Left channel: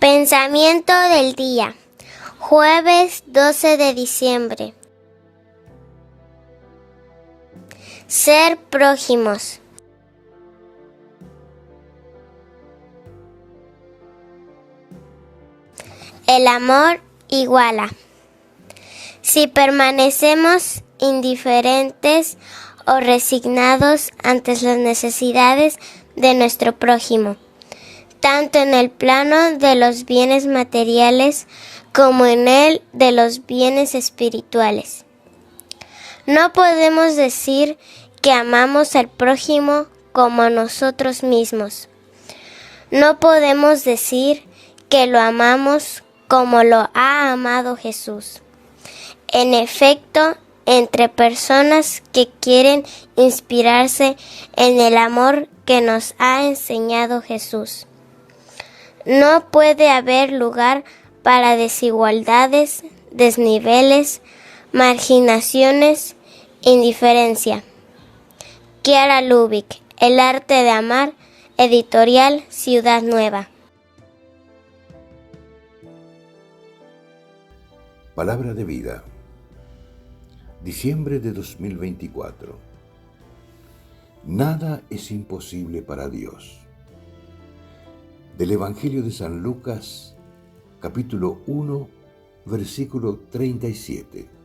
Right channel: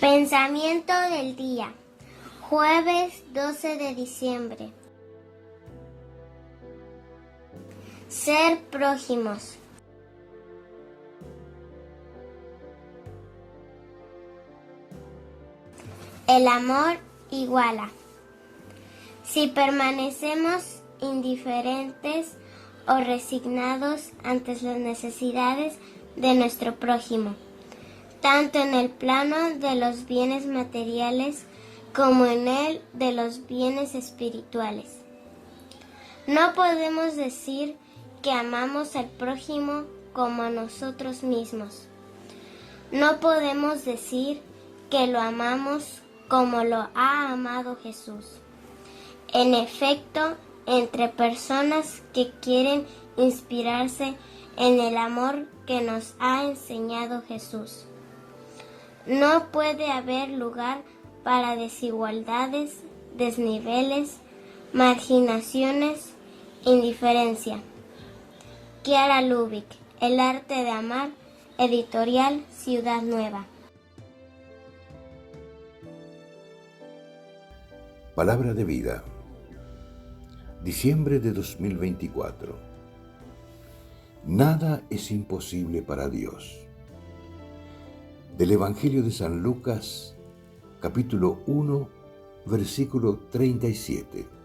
Pensamiento del día, jueves 12 de diciembre. Ser prójimos. El amor iguala. Si permanecemos indiferentes o resignados ante las necesidades de nuestro prójimo, tanto en el plano de los bienes materiales como en el de los bienes espirituales, no podemos decir que amamos al prójimo como a nosotros mismos. No podemos decir que lo amamos como lo ha amado Jesús. En efecto, entre personas que quieren inspirarse en el amor que nos ha enseñado Jesús, no puede haber lugar para desigualdades, desniveles, marginaciones, indiferencia. Chiara Lubich, El arte de amar, editorial Ciudad Nueva. Palabra de vida. Diciembre de 2024. Nada es imposible para Dios. Del Evangelio de San Lucas, capítulo 1, versículo 37.